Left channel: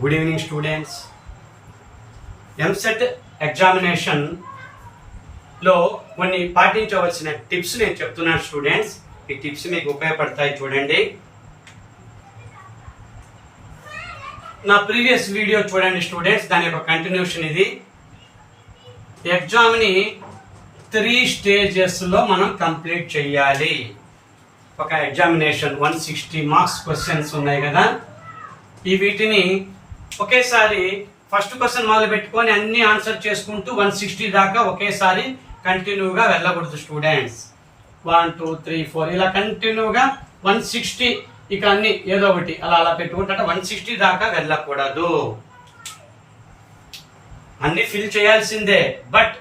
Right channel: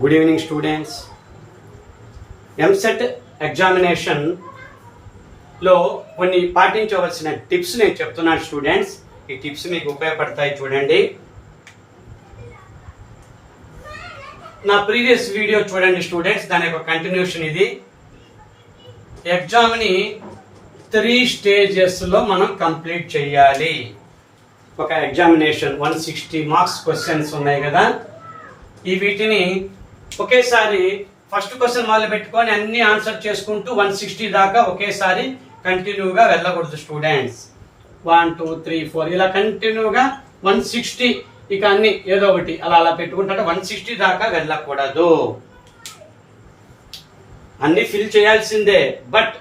Good evening students. EAMCET ఎగ్జామినేషన్లో కొన్ని పాటించవలసిన టిప్స్ నేను చెప్తున్నాను స్టూడెంట్స్. ఈ టిప్స్ మీకు ఉపయోగపడతాయి చూడండి. నా ప్రీవియస్ వీడియో చూడండి స్టూడెంట్స్, దాని యొక్క కంటిన్యూషన్ ఇది. ఎగ్జామ్ని 3 స్టేజెస్లో మనం కంప్లీట్ చేయాలి. ఒక ఎగ్జామినేషన్ 160 మార్క్స్ క్వశ్చన్స్ ఉన్నాయి కదా, ఈ వీటిని ఒకేసారి ఫస్ట్ క్వశ్చన్ మొదలు పెట్టుకొని అన్ని ఆన్సర్ చేసుకుంటూ 160 దాకా ఒకేసారి కంటిన్యూగా వెళ్ళకూడదు స్టూడెంట్స్. 1 2 3 4 ఇలా కంటిన్యూగా 160, ఇక అన్ని ఏదో ఒకటి అలా అలా పెట్టుకుంటే 160 దాకా వెళ్ళకూడదు. అన్ని ఫిల్ చేయాల్సిందే, బట్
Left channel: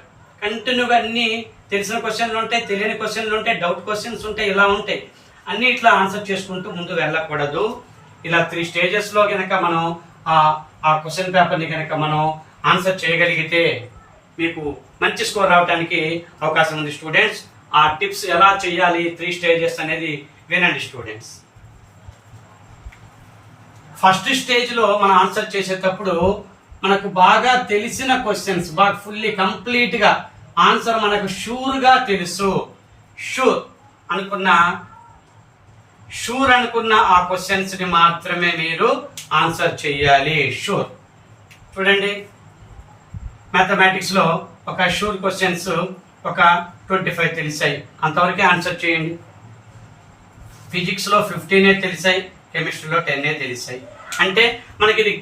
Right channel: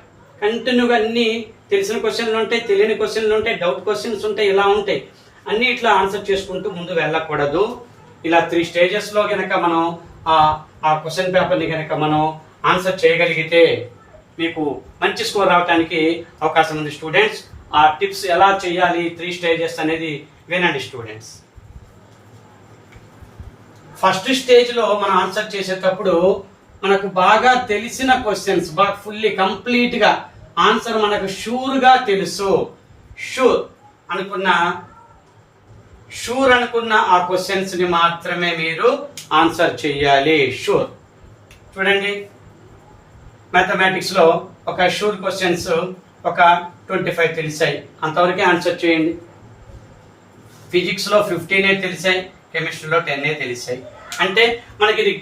కంటిన్యూగా అన్ని తెలిసిన క్వశ్చన్లు ఉంటాయి, తెలియని క్వశ్చన్లు ఉంటాయి, డౌట్ క్వశ్చన్స్ ఉంటాయి, ఇలా ఉంటాయి. అన్ని ఇట్లా ఆన్సర్ చేసుకుంటూ ముందు వెళ్ళకూడదు. ఇలా 3 స్టేజెస్లో కనుక మనం ఆ క్వశ్చన్ పేపర్ని కనుక మనం ఆన్సర్ చేయగలిగితే మీకు మంచి స్కోర్ రావడానికి అవకాశం ఉంది స్టూడెంట్స్. ఆ టిప్స్ ఎలా చేయాలి 3 స్టేజెస్ అనేది వినండి స్టూడెంట్స్. ఫస్ట్ స్టేజ్లో మనం ఆన్సర్ చేసేటప్పుడు మనకు బాగా తెలిసిన క్వశ్చన్స్, బాగా ఫుల్లీ కంప్లీట్గా ఆన్సర్ మనకు షూర్గా తెలుసు, షూర్ అనుకున్న ఆ క్వశ్చన్స్ ని మాత్రమే మీరు ఆన్సర్ చేయాలి. షూర్ చూడండి, మ్యాథమెటిక్స్ లో ఒక షూర్ క్వశ్చన్స్ ఒక 25 తెలిసాయి, అంతవరకే ఆన్సర్ చేయండి. ఫిజిక్స్ లో 15 తెలిసాయి, కెమిస్ట్రీలో 10 తెలిసాయి. అంటే మనకి ఇది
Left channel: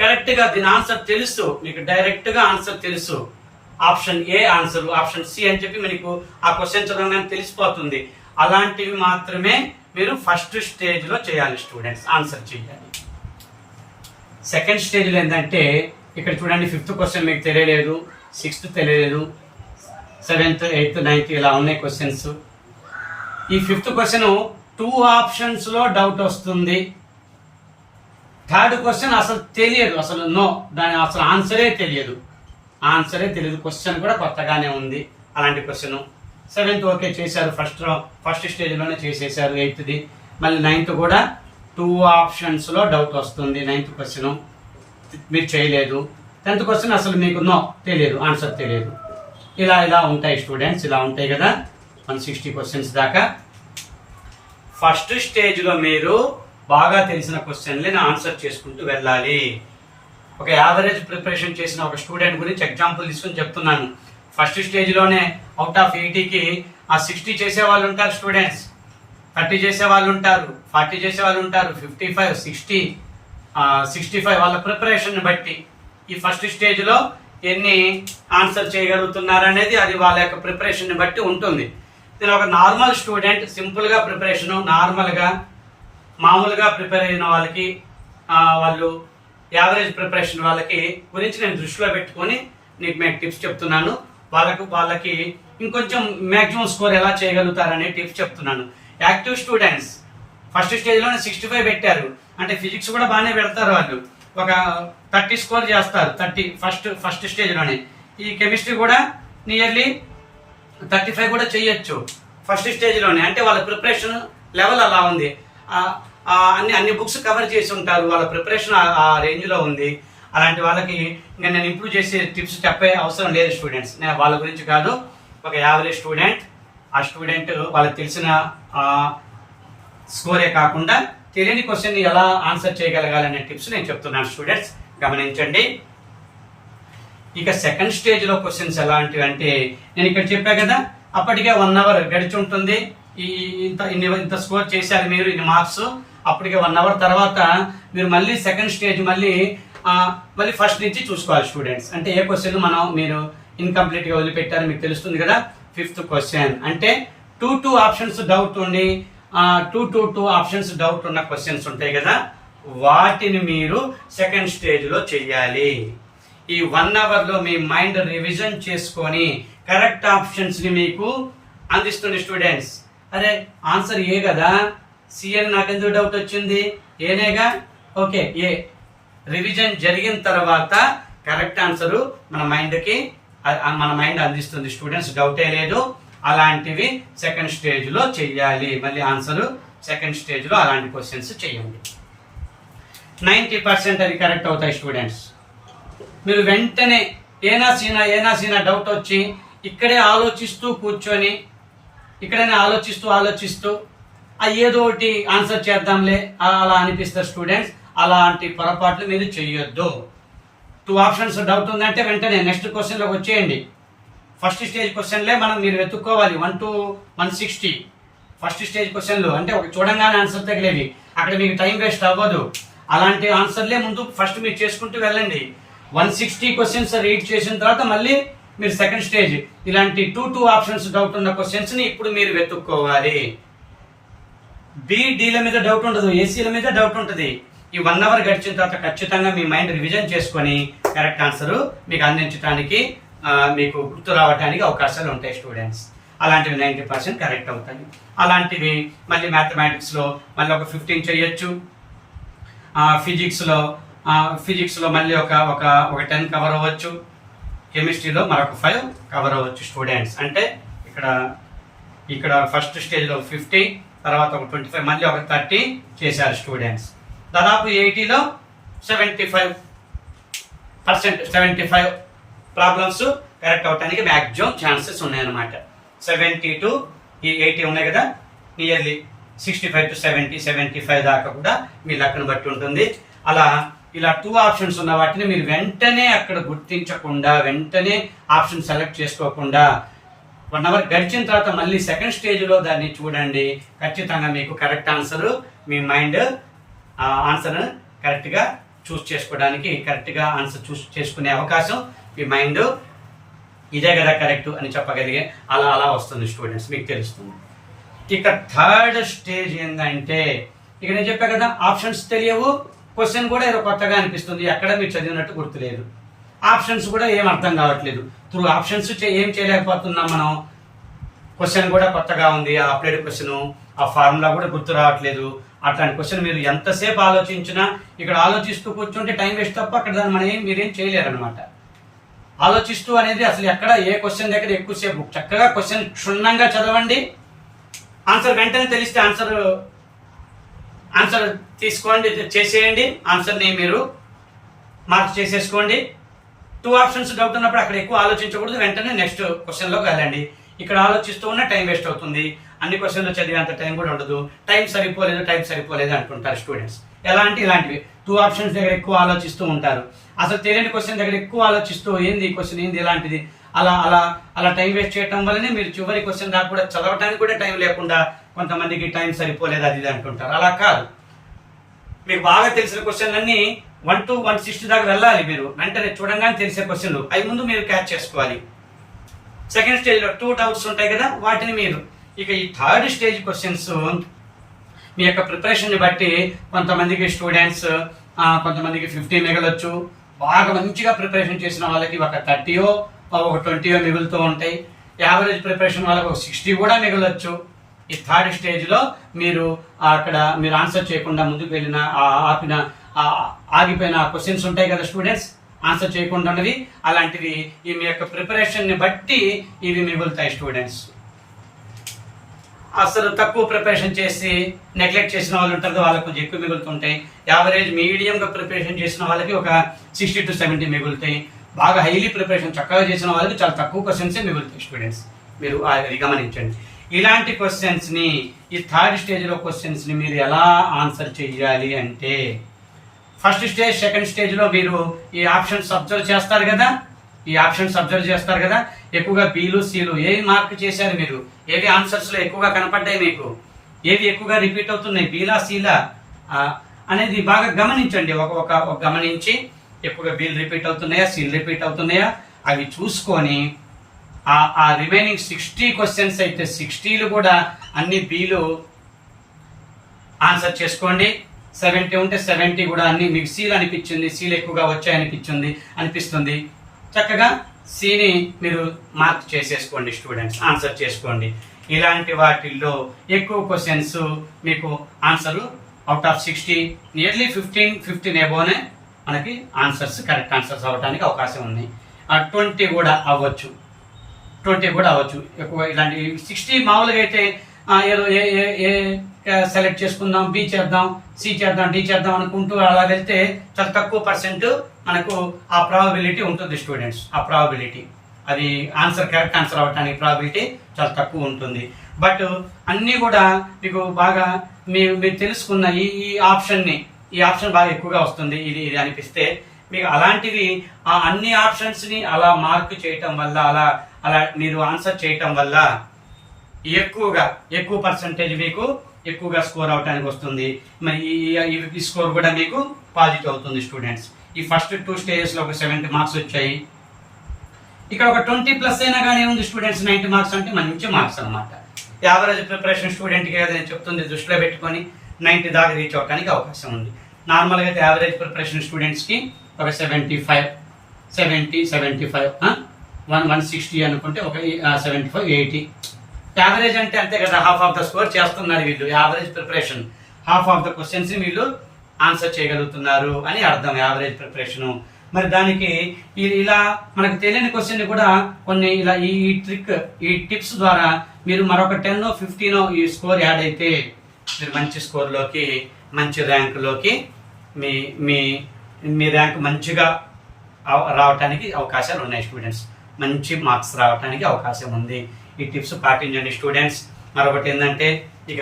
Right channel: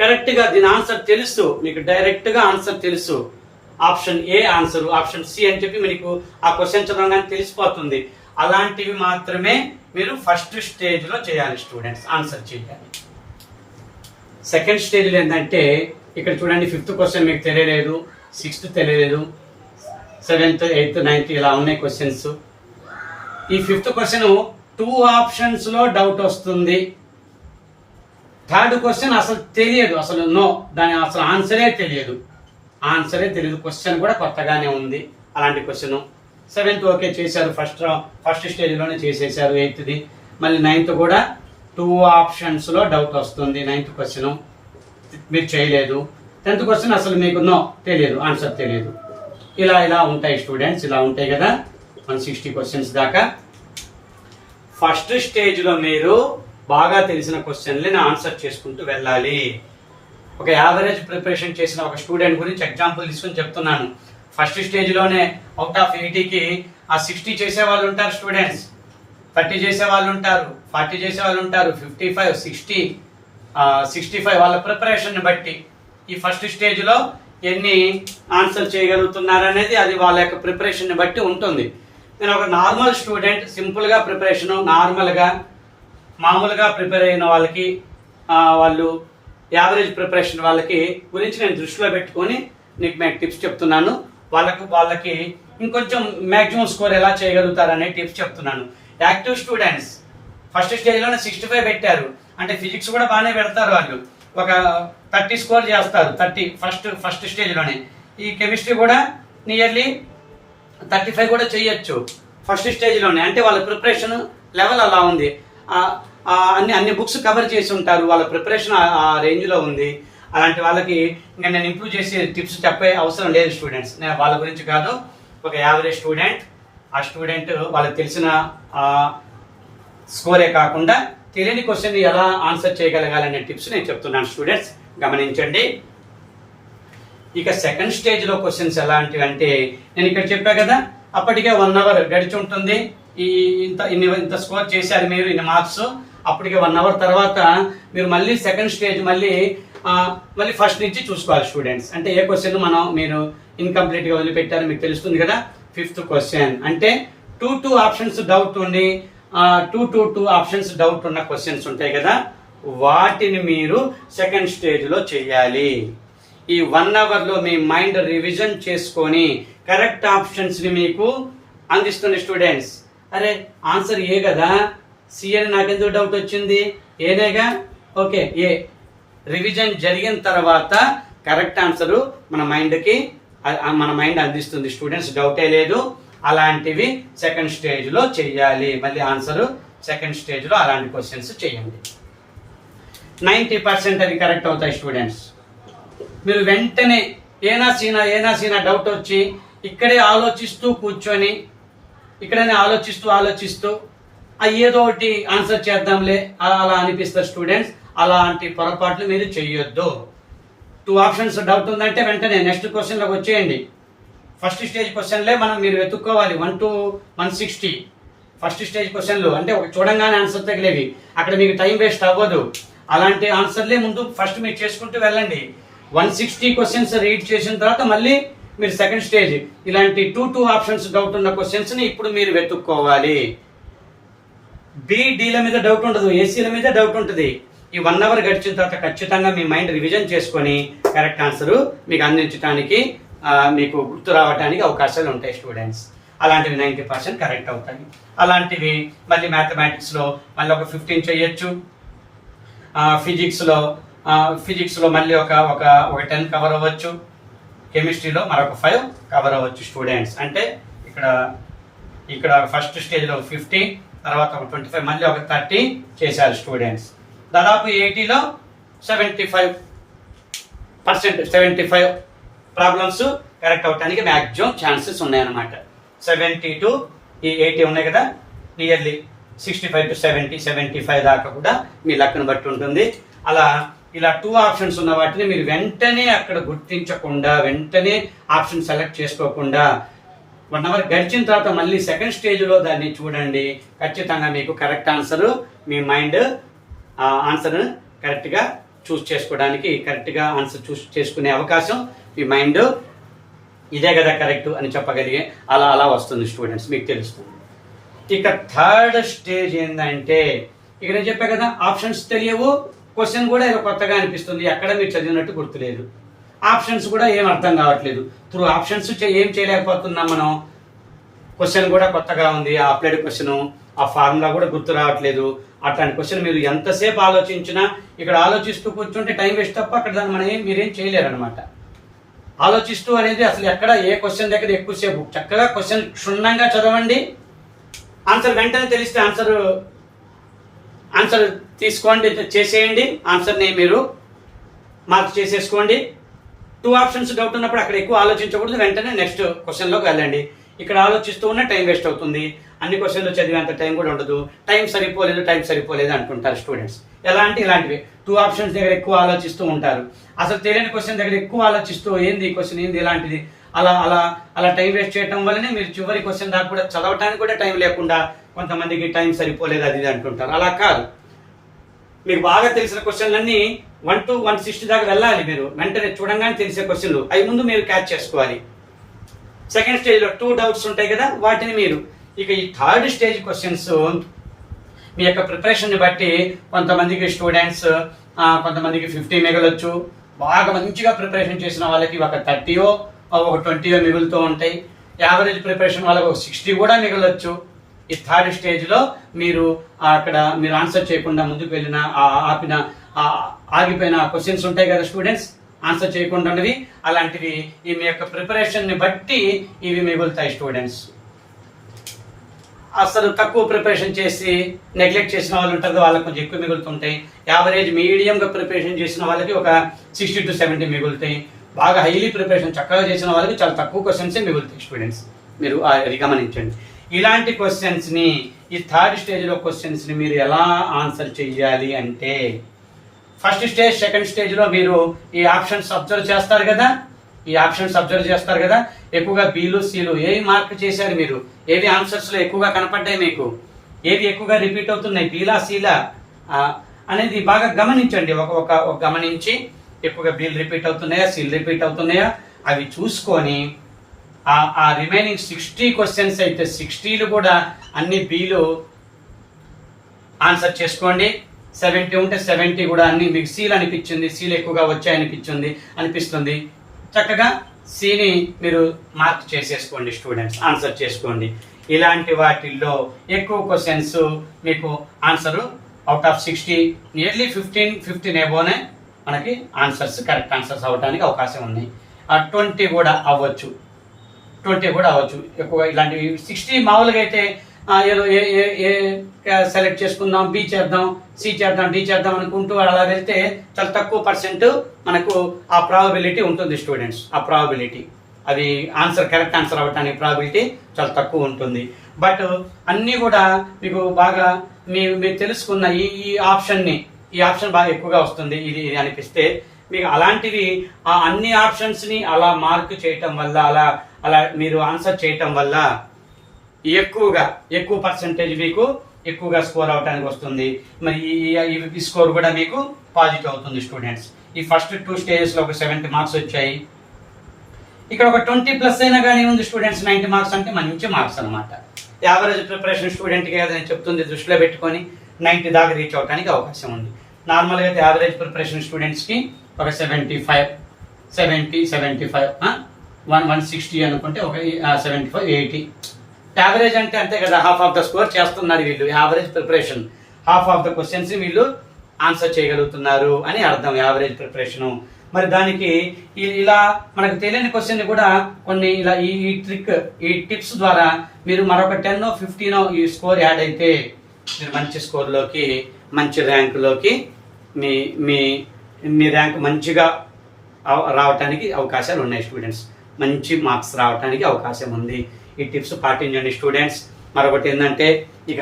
కరెక్ట్ గా దీని ఆన్సర్ తెలుసు, మీకు డైరెక్ట్ గా ఆన్సర్ తెలుసు. Option A answer, option C అని చెప్పి మీకు ఆ క్వశ్చన్ చదవగానే తెలిసిపోతుంది. అలాంటివి మాత్రమే మీరు ఫస్ట్ స్టేజ్ లో చేయాలి స్టూడెంట్స్, ఆన్సర్ చేయాలి. సెకండ్ స్టేజ్ లో ఏంటంటే ఇక్కడ చూడండి, 5th క్వశ్చన్ మీకు తెలియలేదు, 6th తెలియలేదు, 7th 8th 9th ఇలా ఉన్నాయి క్వశ్చన్స్. ఈ 5th క్వశ్చన్ 2 ఆప్షన్స్ లో డౌట్ వస్తుంది. 3rd క్వశ్చన్ అసలు తెలియదు, అసలు నో, దాని అసలు ఆన్సరే తెలియదు, క్వశ్చన్ కూడా కొత్తగానే ఉంది. అలాంటి క్వశ్చన్ 7th ఓకే చేశారు, ఫస్ట్ స్టేజ్లోనే చేసేసారు. 8th మళ్ళీ 9th కూడా 2 ఆప్షన్స్ లో డౌట్ వస్తుంది. 9th క్వశ్చన్ మీరు చేయలేదు. 10th క్వశ్చన్ అసలు మీకు నో తెలియదు, ఆన్సర్ తెలియదు. ఇలా ఉంటాయి స్టూడెంట్స్, ఇలా ఉంటాయి కదా 160 క్వశ్చన్స్ దాకా. ఫస్ట్ స్టేజ్ లో మీరు బాగా తెలిసిన క్వశ్చన్లని ఆన్సర్ చేసుకుంటూ వెళ్ళాలి. ఒక యావరేజ్ ప్రిపరేషన్ చేసిన ఒక స్టూడెంట్ గురించి ఎగ్జాంపుల్ తీసుకొని చెప్తున్నాను. ఫస్ట్ స్టేజ్ లోనే అవుట్ ఆఫ్ 80కి 60 చేసే వాళ్ళు ఉంటారు స్టూడెంట్స్, 30 చేసే వాళ్ళు ఉంటారు, 40 చేసే వాళ్ళు ఉంటారు, 55 60 65 వాళ్ళ ప్రిపరేషన్ బట్టి ఈ ఫస్ట్ స్టేజ్ లో ఎన్ని ఆన్సర్ చేయగలుగుతున్నారు అనేది అది వాళ్ళ యొక్క ప్రిపరేషన్ బట్టి ఉంటుంది. నేను ఒక నార్మల్ స్టూడెంట్, సింపుల్ గా ప్రిపరేషన్, మామూలుగా ప్రిపేర్ అయిన వాళ్ళకి, వాళ్ళు యావరేజ్ ప్రిపరేషన్ వాళ్ళకి గురించి నేను దృష్టిలో పెట్టుకొని నీకు నేను టిప్స్ చెప్తున్నాను. వాళ్ళకి ఇంకొంచెం మాక్సిమం స్కోర్ ఎలా చేయగలుగుతారు అనే టిప్స్ చెప్తున్నాను. యాక్టివ్ స్టూడెంట్స్ ఫస్ట్ స్టేజ్లోనే 65 పెట్టారు అంటే ఫిజిక్స్ కూడా బాగానే పెడతారు, వాళ్ళు ఒక 30 స్కోర్ చేస్తారు. 30 ఫస్ట్ స్టేజ్లోనే. ఈ కెమిస్ట్రీ కూడా నియర్లీ 35 కూడా చేయొచ్చు ఫస్ట్ స్టేజ్లోనే. అంటే వాళ్ళ ప్రిపరేషన్ లెవెల్ అలా ఉంది, అన్ని బుక్స్ కవర్ చేసి ఉంటారు, వాళ్ళ ప్రిపరేషన్ ఆ రేంజ్లో ఉంది. అలాంటి వాళ్ళకి ఇంకా నేను ఇంప్రూవ్ చేసే టిప్స్ చెప్పే అవసరం లేదు స్టూడెంట్స్. నేను వాళ్ళ గురించి కాదు, ఒక యావరేజ్ స్టూడెంట్, ఆ స్టూడెంట్ వాళ్ళకి తెలిసిన స్కోరే కాకుండా తెలియని క్వశ్చన్ ఎలా ఆన్సర్ చేయగలగాలనే టిప్స్ నేను చెప్తున్నాను స్టూడెంట్స్, గమనించండి. ఇక సెకండ్ స్టేజ్లో క్వశ్చన్స్ ఎలాంటివి అంటే, నేను ఇక్కడ చెప్పా కదా, అప్పటికే 1 అవర్ గడిచి ఉంటుంది. ఇంత స్కోర్ చేశారు మీరు, ఇన్ని మార్క్స్. అప్పటికే 1 అవర్ తర్వాత మీరు మళ్ళీ సెకండ్ స్టేజ్ మళ్ళీ ఫస్ట్ నుంచి చూసుకోవాలి స్టూడెంట్స్. అంటే ఏ క్వశ్చన్ మీరు ఇన్కంప్లీట్ గా వదిలిపెట్టారో మీకు తెలుస్తుంది కదా. 5th క్వశ్చన్ అంటే 2 ఆప్షన్స్ డౌట్ ఉండి 2 ఆప్షన్స్ డౌట్ ఉన్న క్వశ్చన్స్ ఉంటాయి కదా, వాటిని మీరు సెకండ్ స్టేజ్ లో చెయ్యాలి. ఈ 1 అవర్ లో మీ మైండ్ రివిజన్ చేసుకొని కరెక్ట్ ఆప్షన్స్ ని మీకు అందిస్తుంది స్టూడెంట్స్. అరే ఆన్సర్ ఏ కదా, సి అని నాకెందుకు డౌట్ వచ్చింది, ఏనేగా, ఓకే ఏ. రివిజన్ జరిగిన తర్వాత కరెక్ట్ ఆన్సర్ మన మైండ్ అందిస్తుంది స్టూడెంట్స్, డౌటే లేదు. అలాంటివి సెకండ్ స్టేజ్ లో చెయ్యాలి. మళ్ళీ ఆన్సర్ సెకండ్ స్టేజ్ లో అలాంటి క్వశ్చన్స్ చేయండి. 90% అది కరెక్ట్ అవుతాయి స్టూడెంట్స్. మీరు వెంటనే ఏనా సీనా డౌట్ వచ్చి ఇక్కడే ఆలోచిస్తూ కూర్చొని ఇక్కడైనా ఆలోచిస్తూ ఏదో ఒకటి ఆన్సర్ చేద్దాంలే అలా అనిపిస్తారు స్టూడెంట్స్. అలాంటి పొరపాట్లు మీరు చెయ్యొద్దు. 2 ఆప్షన్స్ డౌట్ ఉందంటే వెంటనే నెక్స్ట్ క్వశ్చన్లోకి వచ్చేయండి. ఫస్ట్ స్టేజ్ క్వశ్చన్లే మీరు వెతుక్కోవాలి. 1 to 160 ఫస్ట్ స్టేజ్ క్వశ్చన్లు అంటే ఒక చూడంగానే ఆన్సర్ తగిలేవి, అక్కడ మీకు టైం వేస్ట్ అవ్వదు. అలాంటి ఆన్సర్లే ముందు ఫస్ట్ మీరు చేసుకుంటూ వెళ్ళండి. 160 క్వశ్చన్స్ రీడ్ చేసిన తర్వాత మళ్ళీ మీరు సెకండ్ స్టేజ్ ఇలాంటి 2 ఆప్షన్స్ డౌట్ ఉన్న క్వశ్చన్స్ ని ఇప్పుడు మీరు వెతుక్కోవాలి. డీల మీద డౌట్ ఉండదు, ఏసీల మీద డౌట్ ఉంటుంది. ఈ 1 అవర్ గడిచిన తర్వాత ఖచ్చితంగా మీ మైండ్ రివిజన్ చేసుకొని కరెక్ట్ ఆన్సర్ మీకు అందించడానికి మీకు గుర్తు రావడానికి అవకాశాలు ఉంటాయి స్టూడెంట్స్. అలాంటివి 90% కరెక్ట్ అవుతాయి. అలాంటివి మళ్ళీ మ్యాథమెటిక్స్లో మళ్ళీ ఒక 15 చేయొచ్చు. ఫిజిక్స్లో మళ్ళీ ఒక 10 కవర్ అవ్వచ్చు. కెమిస్ట్రీలో మరొక 5 కవర్ అవ్వచ్చు స్టూడెంట్స్. అంటే ఇక్కడ ఫస్ట్ స్టేజ్లో 50, తర్వాత ఒక 25, మళ్ళీ ఒక 30 చేశారు స్టూడెంట్స్. దాదాపు 80లో 75 ప్రాబ్లమ్స్ కరెక్ట్ అవడానికి మ్యాక్సిమం ఛాన్సెస్ ఉన్నాయన్నమాట. 70 to 80 ఉన్నాయి కదా, నియర్లీ 65 to 70, 75 దాకా కూడా మీ లక్ను బట్టి ఉంటుంది. ఇలా 2 ఆప్షన్స్ ఉన్న వాటిని మీరు వెంటనే అక్కడ గుర్తించకుండా వెంటనే ఆప్షన్ సెలెక్ట్ చేసుకోకుండా 1 అవర్ గడిచిన తర్వాత మళ్ళీ సెకండ్ స్టేజ్లో దాన్ని చూడండి. ఖచ్చితంగా మీకు కరెక్ట్ ఆన్సర్ మీ మైండ్ ఆన్సర్ కరెక్ట్గా చూస్ చేసుకోవడానికి కరెక్ట్గా ఆన్సర్ చూస్ చేసుకునే అవకాశం మీ మైండ్ ఇదే కదా కరెక్ట్ అని చెప్పగలిగే అలా వస్తుంది స్టూడెంట్స్, మీకు తెలుస్తుంది. ఇక థర్డ్ స్టేజ్ ఏంటంటే ఇక నేను చెప్పా కదా ఆప్షన్స్ తెలియవు, క్వశ్చన్ కూడా ఏదో కొత్తగా అనిపిస్తుంది, ఎక్కడ మీరు చదివినట్టు గుర్తులేదు, ఆప్షన్స్ కూడా ఏం అర్థం కావట్లేదు. త్రూ ఆప్షన్స్ ఏం చేయలేకపోతున్నాం మనం. క్వశ్చన్ కూడా కొత్తగా ఉంది, ఆ అప్లైడ్ క్వశ్చన్, ఆ ఫార్ములా కూడా గుర్తు రావట్లేదు. అట్లాంటి క్వశ్చన్ మీరు ఎంతసేపు ఆలోచించినా ఇక్కడ ఆలోచిస్తూ కూర్చుంటే టైం వేస్ట్ తప్ప అక్కడ దాన్ని మీరేం చేయలేరు అనమాట. ఆలోచిస్తూ అనేది అసలు ఎక్కడ ఏ క్వశ్చన్ దగ్గర ఎక్కువసేపు చక్కగా క్వశ్చన్ క్షుణ్ణంగా చదవండి. ఆన్సర్ వెంటనే తెలిస్తే ఆన్సర్ తీసుకోండి, చేసేయండి. ఆన్సర్ని మీరు మార్క్ చేసేసుకోండి. 2 ఆప్షన్స్ డౌట్ ఉన్నప్పుడు అక్కడ ఎక్కువ ఆలోచించకూడదు, వెంటనే నెక్స్ట్ క్వశ్చన్లోకి వెళ్ళండి. ఇక్కడ ఆలోచిస్తూ ఉన్న టైం వేస్ట్ అవుతుంది, అన్ని క్వశ్చన్లు చదివేంత టైం కూడా ఉండదు. టైం సరిపోలేదు అంటుంటారు స్టూడెంట్స్. ఇలాంటివి 2 ఆప్షన్స్ దగ్గర ఎక్కువ ఆలోచిస్తూ ఉంటారు. అసలు తెలియని క్వశ్చన్ దగ్గర ఎక్కువ ఆలోచిస్తూ ఏంది ఈ క్వశ్చన్ ఏంది ఇలాంటిది అలా టైం వేస్ట్ చేయడం వల్లనే మీరు చివరి క్వశ్చన్ దాకా కూడా చదవడానికి కూడా టైం లేకుండా కొంతమందికి టైం సరిపోలేదు అది అంటుంటారు. అలా కాదు, మీకు బాగా తెలిసిన క్వశ్చన్లన్నీ 1 to 160 దాకా వెళ్ళాలి. మీరు వెంటనే చూడంగానే తెలిసే క్వశ్చన్లు అవి ముందు మీరు క్యాచ్ చేసుకోవాలి. సెకండ్ స్టేజ్లో 2 డౌట్స్ ఉంటాయి కదా, వాటిని మీరు ఇక ఈ థర్డ్ స్టేజ్ క్వశ్చన్స్ మీ యొక్క ప్రిపరేషన్ని బట్టి కొంతమందికి స్టూడెంట్స్ కొంతమందికి 50 మిగలొచ్చు. బాగా మంచిగా ప్రిపరేషన్ చేసిన వాళ్ళకి ఒక 30 ఒక 20 మిగులుతూ ఉంటాయి. యావరేజ్ ప్రిపరేషన్ వాళ్ళకి ఒక 60 కూడా మిగలొచ్చు. ఈ థర్డ్ స్టేజ్లో మీరు అక్కడ మీరు ఆన్సర్ చేయకుండా ముందుకు వెళ్ళిన ఆగిపోయిన క్వశ్చన్స్ ఉంటాయి కదా స్టూడెంట్స్, ఆన్సర్ చేయకుండా ఉన్నవి, అలాంటివి ఈ మీ యొక్క ప్రిపరేషన్ని బట్టి ఇవి మిగులుతాయి స్టూడెంట్స్. అసలు తక్కువ ప్రిపరేషన్ చేసి నెగ్లెక్ట్ చేసిన వాళ్ళు ఉంటారు, వాళ్ళకి కొంచెం ఎక్కువ మిగులుతుంటాయి. యావరేజ్ మీడియంగా ప్రిపరేషన్ చేసిన వాళ్ళకి ఒక 60 to 70 మిగులుతాయి. బాగా హైలీ ప్రిపరేషన్ చక్కగా చేసిన వాళ్ళకి చాలా తక్కువ క్వశ్చన్సే మిగులుతాయి స్టూడెంట్స్. మీరు అది గమనించండి. ఇలాంటి క్వశ్చన్స్ని ఈ థర్డ్ స్టేజ్లో క్వశ్చన్స్ని మీరు ఎలా ఆన్సర్ చేయాలి అంటే ఫస్ట్ స్టేజ్ సెకండ్ స్టేజ్లో మీరు ఈ ఆప్షన్స్ అబ్జర్వ్ చేస్తారు కదా, ఎక్కువగా బీలు సీలు ఏవి మార్క్ చేశారు మీరు, ఏవి ఆన్సర్స్లో ఎక్కువగా కనపడ్డాయి మీకు, ఏవి ఎక్కువగా రిపీట్ అవుతున్నాయి, బీలా సీలా అనేది బాగా గమనించండి. ఒక గమనించి ఎక్కువగా బీలు రిపీట్ అవుతున్నాయా సీలు రిపీట్ అవుతున్నాయా అవి చూసుకొని ఆ రిమైనింగ్ 60 క్వశ్చన్స్ అయితే 60లు కూడా అన్ని బీలు ఆన్సర్ చేసుకోండి. 70 ఉంటే 70 కూడా అన్ని మీకు సీలు అనిపించింది, సీలు ఎక్కువగా అనిపిస్తుంది, చక్కగా సీని మీరు మార్క్ చేసేసుకోండి స్టూడెంట్స్, ఆన్సర్ చేసుకోండి. ఇలాంటి వాటిల్లో ఎక్కువ క్వశ్చన్స్ మీకు ఆన్సర్ అవుట్ ఆఫ్ 60 నియర్లీ 15 ఎబోనే మనకి కరెక్ట్ ఆన్సర్స్ అవ్వడానికి అవకాశం ఉంది. 20 కూడా అవ్వచ్చు ఎక్కువ. ఇలాంటి 60 మామూలుగా అయితే ఏదో ఏ ఏ ఏ సెలెక్ట్ చేసుకుందాం, బి చేద్దాం, సి చేద్దాం, డి చేద్దాం అనుకుంటూ అలా వెళ్తే చాలా తక్కువ పర్సెంట్ మనకు ఆ ప్రాబబిలిటీ ఉంటుంది స్టూడెంట్స్. ఆ ప్రాబబిలిటీ అది కరెక్ట్ ఆన్సర్ అవ్వటానికి ప్రాబిలిటీ చాలా తక్కువ ఉంటుంది. బట్ అన్నీ కూడా మీకు బాగా మీరు తెలుసుకున్న ఈ ఆప్షన్ బాగా ఎక్కువగా వస్తుంది ఇది అనిపిస్తే మీకు అలాంటివి ఆ అన్ని ఆప్షన్స్ని అలా మార్క్ చేయటం వల్ల అలా మీరు ఆన్సర్ చేయటం వల్ల ఎక్కువ పర్సెంటేజ్ మీకు ఎక్కువగా స్కోర్ అవడానికి వస్తుంది. మరి ఈ స్కోర్ కూడా మీకు పాజిటివ్ అవుతుంది స్టూడెంట్స్. ఈ ఫస్ట్ 2 స్టేజెస్లో ఒక 70 మార్క్స్ వచ్చాయి. ఇక్కడ ఒక 20+ అయినా కానీ ఉంది స్టూడెంట్స్. 90 మార్క్స్ అంటే మంచి మార్క్స్ అనమాట. యావరేజ్ ప్రిపరేషన్ స్టూడెంట్కి ఏదైనా చెప్తుంది దృష్టిలో పెట్టుకొని 90 దాకా రీచ్ అవడానికి అవకాశం ఉంది. నార్మల్గా అయితే యావరేజ్ ప్రిపరేషన్ స్టూడెంట్స్కి ఒక 75, 160 అనుకుంటే ఒక 75, 80. యావరేజ్ అంటే అంతే కదా, హాఫ్ ఆఫ్ ద స్కోర్ చేస్తున్నారు వీళ్ళు. Average preparation half of the questions వీళ్ళు ఆన్సర్ చేయగలుగుతున్నారు అని అర్థం యావరేజ్ ప్రిపరేషను. మరి దానికి ఇలా మనకు తెలియని క్వశ్చన్ కూడా కొన్ని ఇలా ఈ టిప్స్ ద్వారా మీరు మరొక 10, 15 ఈ స్కోర్ యాడ్ అయితే మీరు మంచి స్కోర్లోకి, మంచి ర్యాంకులోకి మీ ర్యాంక్ మంచిగా రావడానికి అవకాశాలు ఉన్నాయి స్టూడెంట్స్. మంచి మార్క్స్ రావడానికి అవకాశం ఉంది. ఈ టిప్స్ పాటించండి స్టూడెంట్స్. మరొకటి ఏంటంటే ఇక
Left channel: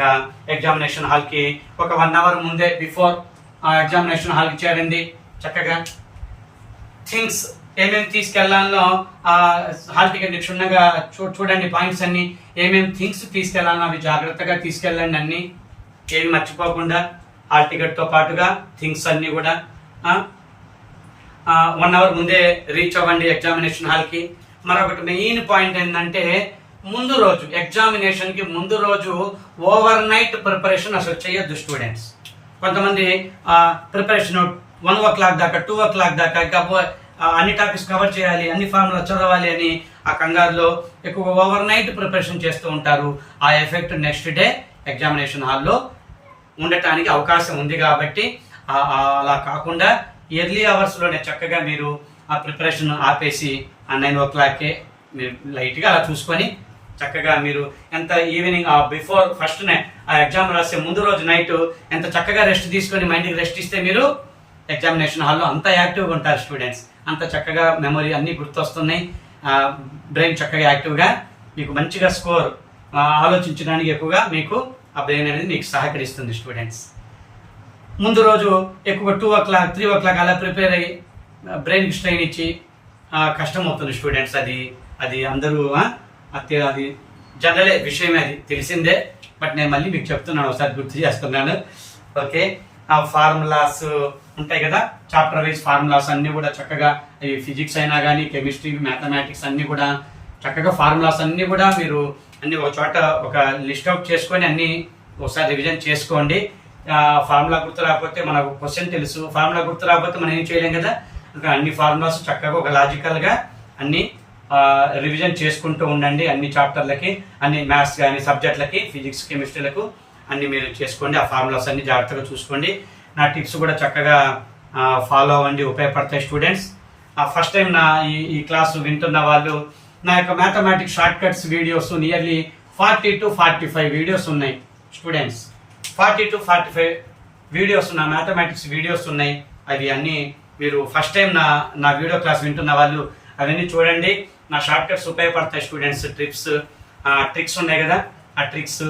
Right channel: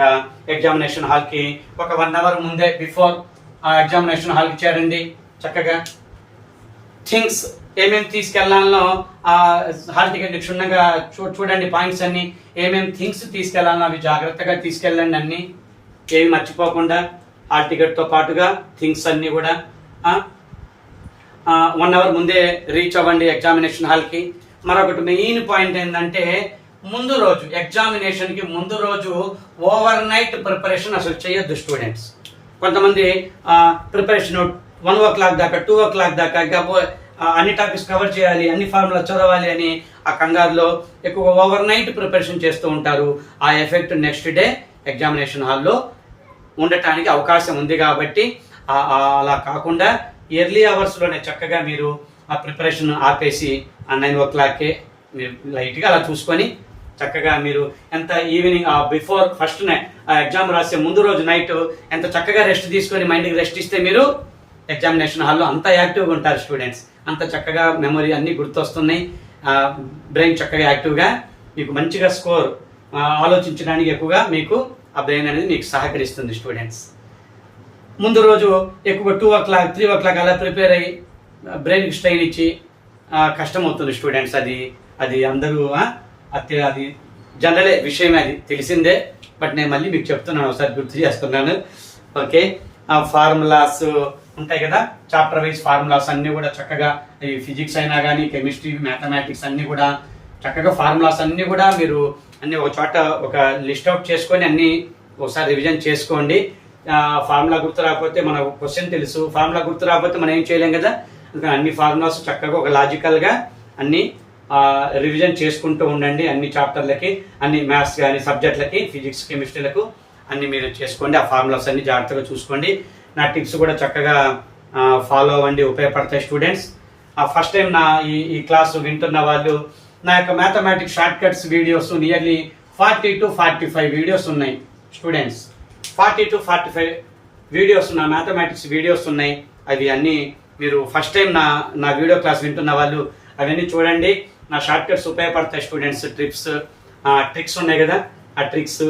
ఎగ్జామినేషన్ హాల్కి ఒక 1 అవర్ ముందే బిఫోర్ ఆ ఎగ్జామినేషన్ హాల్కి చేరండి. చక్కగా థింగ్స్ ఏమేమి తీసుకెళ్లాలో హాల్ టికెట్ క్షుణ్ణంగా చూడండి. పాయింట్స్ అన్ని ఏమేమి థింగ్స్ తీసుకెళ్లాలో అవి జాగ్రత్తగా తీసుకెళ్ళండి. అన్ని ఏమి మర్చిపోకుండా హాల్ టికెట్తో పాటుగా థింగ్స్ అన్ని కూడా 1 అవర్ ముందే రీచ్ అవ్వండి ఎగ్జామినేషన్ హాల్కి. మరొకటి మెయిన్ పాయింట్ ఏంటంటే ముందు రోజు ఎగ్జామినేషన్కి ముందు రోజు ఓవర్ నైట్ ప్రిపరేషన్ అసలు చేయొద్దు స్టూడెంట్స్. కొంతమంది ప్రిపరేషన్ 1 o'clock దాకా, 2 o'clock దాకా ఇంకా అన్ని టాపిక్స్ కవర్ చేయాలి, అన్ని ఫార్ములా చదవాలి అని ఆ కంగారులో ఎక్కువ ఓవర్ నైట్ ప్రిపరేషన్ చేస్తూ ఉంటారు. ఆ ఎఫెక్ట్ నెక్స్ట్ డే ఎగ్జామినేషన్ హాల్లో ఉండటానికి అవకాశం ఉంది. కాబట్టి అలా కాకుండా ఎర్లీ అవర్స్లోనే చక్కగా మీరు ఆ ప్రిపరేషన్ ఆపేసి ఆ 9 o'clock మీరు లైట్గా అలా చూసుకొని చక్కగా మీరు ఎంత ఈవినింగ్ బిఫోర్ ఫస్ట్ నైట్ ఆ ఎగ్జామ్ రాసే ముందు రోజు నైట్ ఎంత చక్కగా రెస్ట్ తీసుకొని మైండ్కి రెస్ట్ ఇస్తే మీరు ఎగ్జామినేషన్ హాల్లో అంత యాక్టివ్గా ఉంటారు స్టూడెంట్స్. అంత చక్కగా మెమరీ అన్నీ గుర్తొస్తున్నాయి. బ్రెయిన్ చక్కగా యాక్టివ్గా మీకు మంచిగా స్కోర్ ఆలోచించడానికి ఎక్కువగా మీకు ఆ బ్రెయిన్ అనేది మీకు సహకరిస్తుంది స్టూడెంట్స్. ముందు రోజు ఎక్కువ 2 o'clock, 3 o'clock అలా ప్రిపేర్ అయ్యి బ్రెయిన్కి స్ట్రెయిన్ ఇచ్చి కష్టం అవుతుంది స్టూడెంట్స్. అది అందరూ అది జనరలే విషయం, అది తెలిసిందే. బట్ నేను మళ్ళీ మీకు చెప్తున్నాను, ఒకసారి గుర్తు చేస్తున్నాను. ఓకే, ఫార్ములాస్ ఉంటాయి కదా, చాప్టర్ వైజ్ ఫార్ములాస్ అన్నీ కూడా చక్కగా, ఈ ఫిజిక్స్ అయినా కానీ కెమిస్ట్రీ, మ్యాథమెటిక్స్ అన్నీ కూడా చక్కగా ఫార్ములాస్ అన్నీ కూడా మీరు అన్ని ఒక చోట ఒక లిస్ట్ అవుట్ చేసుకొని అన్నీ ఒకసారి రివిజన్ చేసుకోండి. ఫార్ములా గుర్తు రాకపోతే మనకు క్వశ్చన్ తెలుసు, ఫార్ములా గుర్తు రాకపోతే మనం ఏం చేయలేం కదా. అన్ని ఫార్ములాస్ చక్కగా ఒక లాజికల్గా అన్ని రివిజన్ చేసుకుంటూ ఉండండి. అన్ని చాప్టర్లకి, అన్ని మ్యాథ్స్ కానీ సబ్జెక్టులకి, ఫిజిక్స్, కెమిస్ట్రీలకు అన్ని మీరు చేసుకోండి. ఆ ఫార్ములాస్ అన్ని జాగ్రత్తగా చూసుకోండి. నా టిప్స్ కూడా చక్కగా ఫాలో అవ్వండి, ఉపయోగపడతాయి స్టూడెంట్స్. ఫస్ట్ టైం నా ఈ క్లాసు వింటున్న వాళ్ళు నా యొక్క mathematics short cuts videos nearly 40 to 45 videos ఉన్నాయి స్టూడెంట్స్. 40 to 45 వీడియోస్ నా మ్యాథమెటిక్స్ వీడియోస్ ఉన్నాయి. అవి అన్నీ మీరు ఫస్ట్ టైం నా వీడియో క్లాస్ వింటున్న వాళ్ళు అవన్నీ చూడండి. నా షార్ట్ కట్స్ ఉపయోగపడతాయి స్టూడెంట్స్. ట్రిక్స్ ఉన్నాయి కదా, ఆ ట్రిక్స్,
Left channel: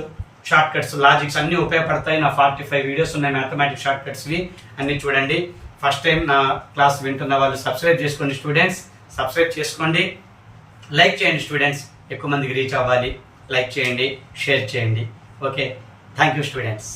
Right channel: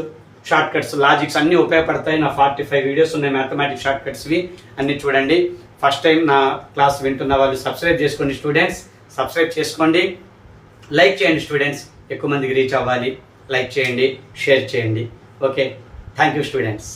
షార్ట్ కట్స్, లాజిక్స్ అన్నీ ఉపయోగపడతాయి. నా 45 వీడియోస్ ఉన్నాయి మ్యాథమెటిక్స్ షార్ట్ కట్స్వి, అన్నీ చూడండి. ఫస్ట్ టైం నా క్లాస్ వింటున్న వాళ్ళు సబ్స్క్రైబ్ చేసుకోండి స్టూడెంట్స్. సబ్స్క్రైబ్ చేసుకోండి, లైక్ చేయండి స్టూడెంట్స్. ఎక్కువ మందికి రీచ్ అవ్వాలి. లైక్ చేయండి, షేర్ చేయండి. Okay, thank you students.